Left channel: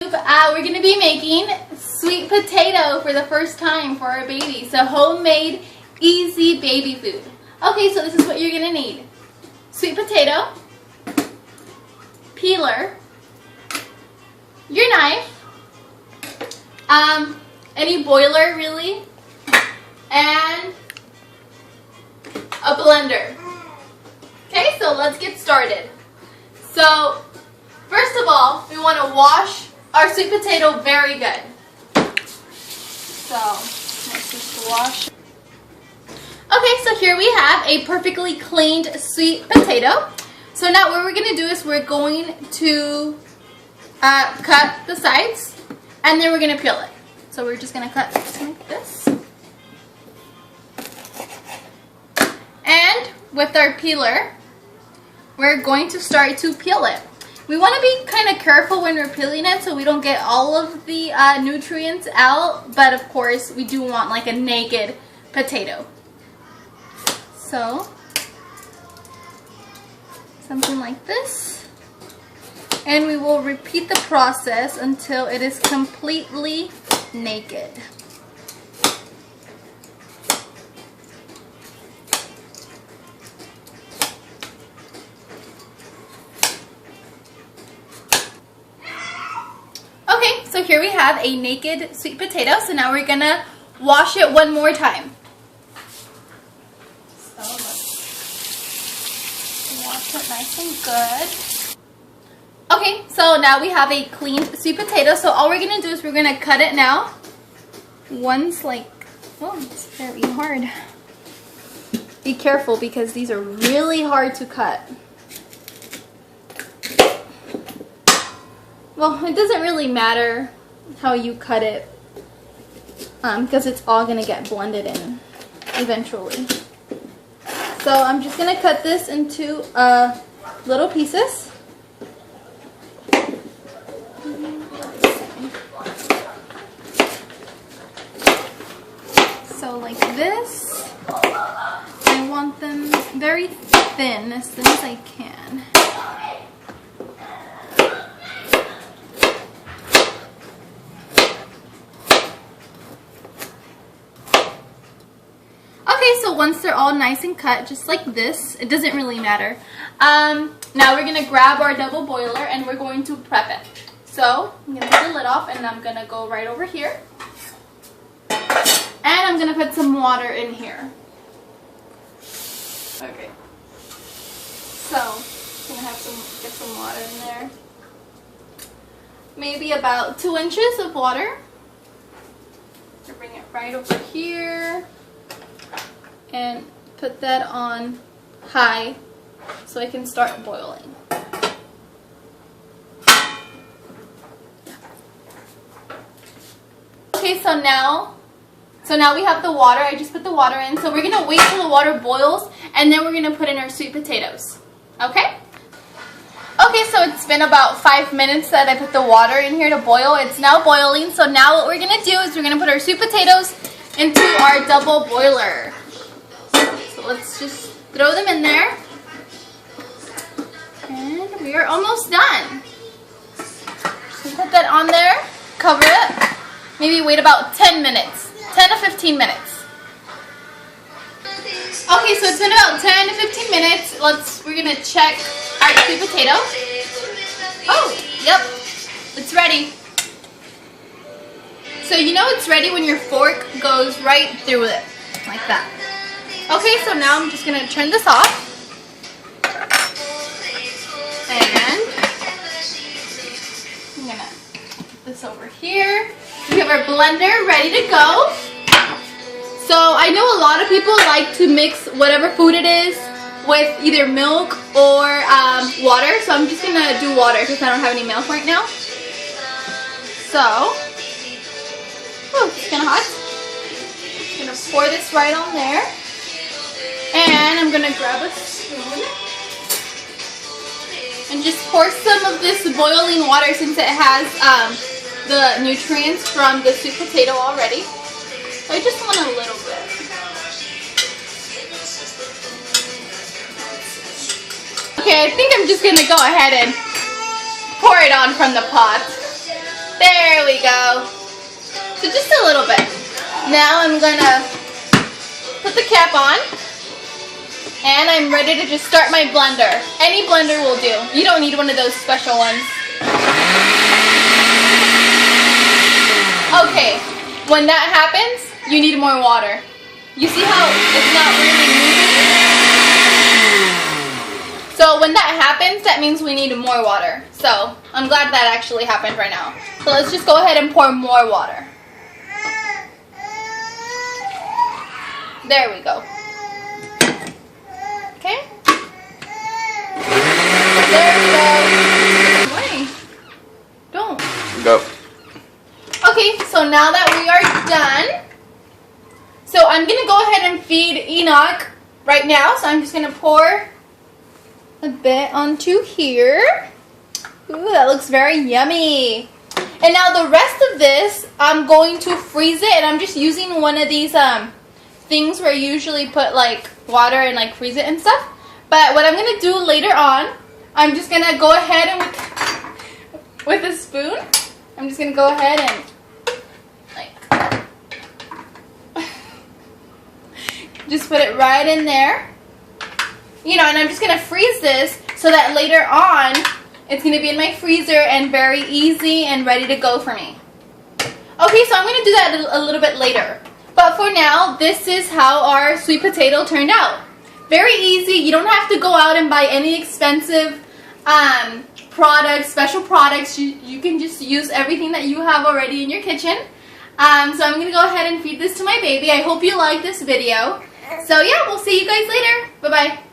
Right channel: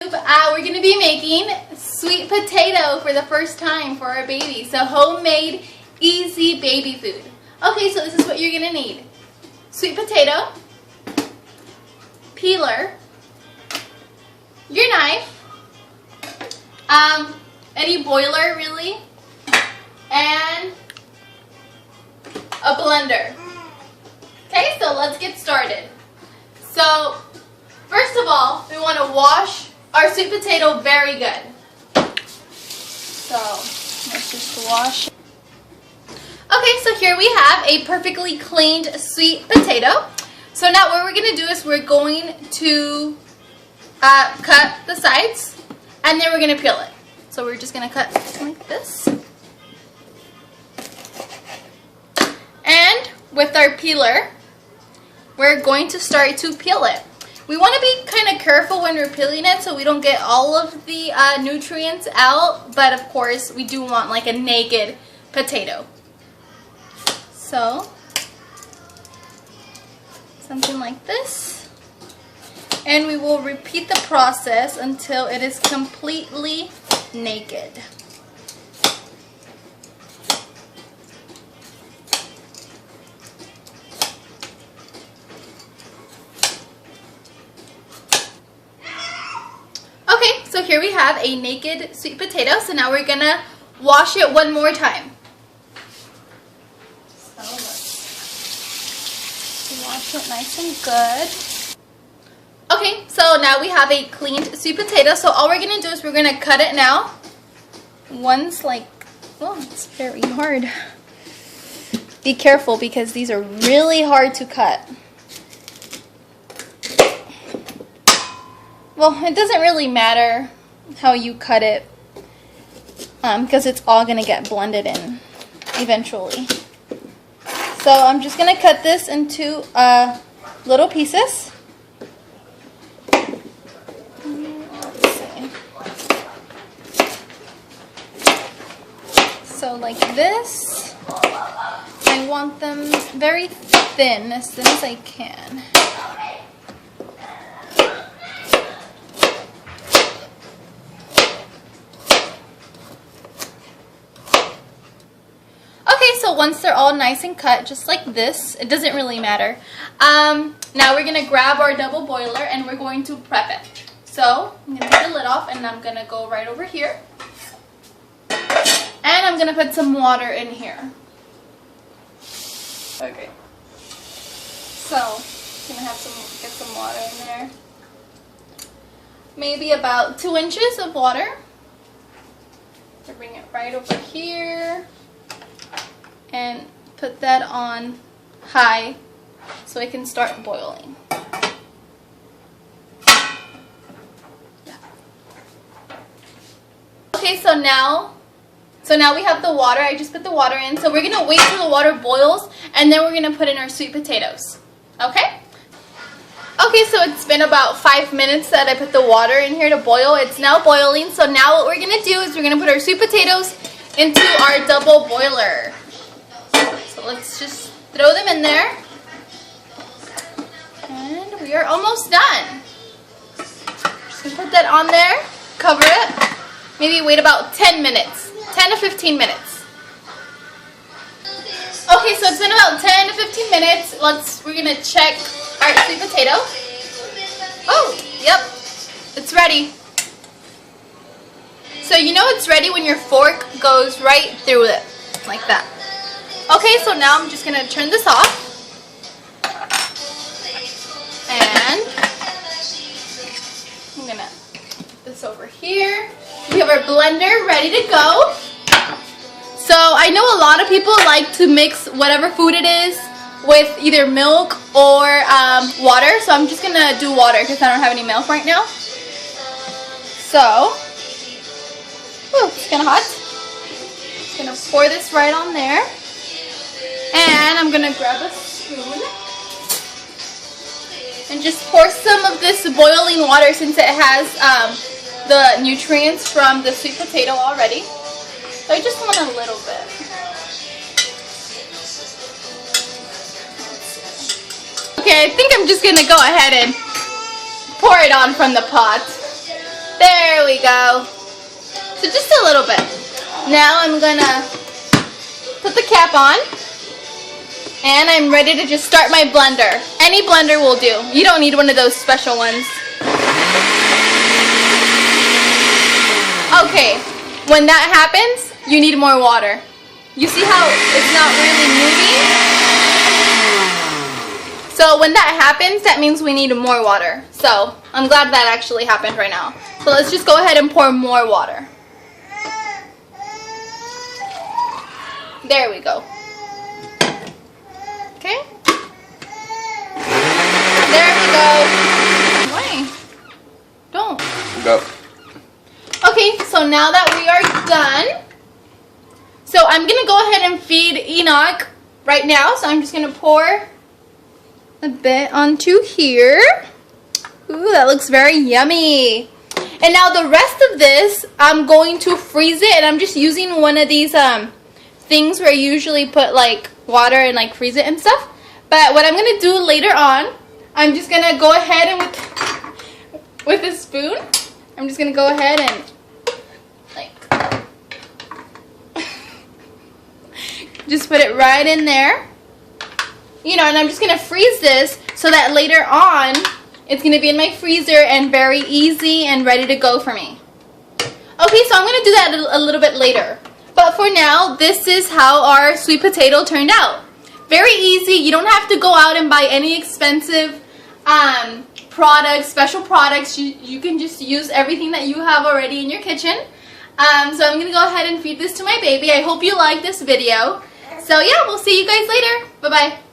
We're going to be making sweet potato for the first time for our baby. So homemade, easy baby food. Okay, so this is what you're going to need. Sweet potato, peeler, your knife, any boiler really, and a blender. Okay, so let's get started. So first of all, we want to wash our sweet potato very good. So let's just wash. Okay, so here we have a perfectly cleaned sweet potato. So now what we're going to do is we're going to cut the sides and then we're going to peel it. So we're just going to cut like this. And with our peeler, we're going to start to peel it. We want to be kind of careful when we're peeling it so we don't get all of the nutrients out, but of course we do want like a naked potato. So, something like this. And we will repeat the process until it is completely naked. Okay, so here we have a naked sweet potato. So now we're gonna wash it one more time. So let's wash it nice and good. Okay, so now we have a cleaned sweet potato. So all we're gonna do is we're gonna cut it now. One's like, oh, it's very hard. Be careful because these are really hard to cut. Well, it doesn't really matter how you cut it because it's all going to get blended in eventually. So I'm just going to cut this into little pieces. So like this. I want them very thin, as thin as I can. So once they're all nice and cut, just like this, it doesn't really matter. Now we're going to grab our double boiler and we're going to prep it. So I'm going to take the lid off and I'm going to go right over here. And I'm going to put some water in here. Okay. So I'm going to get some water in there. Maybe about 2 inches of water. So bring it right over here. And put that on high so it can start boiling. Okay, so now we have the water. I just put the water in. So we're going to wait till the water boils and then we're going to put in our sweet potatoes. Okay? Okay, so it's been about 5 minutes that I put the water in here to boil. It's now boiling. So now what we're going to do is we're going to put our sweet potatoes into our double boiler. Let's just throw them in there. And we are almost done. So put that on there, cover it, maybe wait about 10 minutes, 10 to 15 minutes. Okay, so it's been about 10 to 15 minutes. We're gonna check our sweet potato. Oh, yep, it's ready. So you know it's ready when your fork goes right through it, like that. Okay, so now I'm just going to turn this off. And I'm going to put this over here. We have our blender ready to go. So I know a lot of people like to mix whatever food it is with either milk or water. So I'm just going to do water because I don't have any milk right now. So, oh, it's kind of hot. Just going to pour this right on there. And I'm going to grab a spoon and just pour some of this boiling water since it has the nutrients from the sweet potato already. I just want a little bit. Okay, I think I'm just going to go ahead and pour it on from the pot. There we go. So just a little bit. Now I'm gonna put the cap on. And I'm ready to just start my blender. Any blender will do. You don't need one of those special ones. Okay, when that happens, you need more water. You see how it's not really moving? So when that happens, that means we need more water. So I'm glad that actually happened right now. So let's just go ahead and pour more water. There we go. Okay. There we go. Why? Don't. Go. Okay, so now that we are done, so I'm going to go ahead and feed Enoch right now. So I'm just going to pour a bit onto here. Ooh, that looks very yummy. And now the rest of this, I'm going to freeze it. And I'm just using one of these things where you usually put like water and like freeze it and stuff. But what I'm going to do later on, I'm just going to go ahead and with a spoon, I'm just going to go ahead and like just put it right in there. You know, and I'm just going to freeze this so that later on it's going to be in my freezer and very easy and ready to go for me. Okay, so I'm going to do that a little bit later. But for now, this is how our sweet potato turned out. Very easy. You don't have to go out and buy any expensive products, special products. You can just use everything that you have already in your kitchen. So I'm going to go ahead and feed this to my baby. I hope you like this video. So yeah, we'll see you guys later. Bye-bye.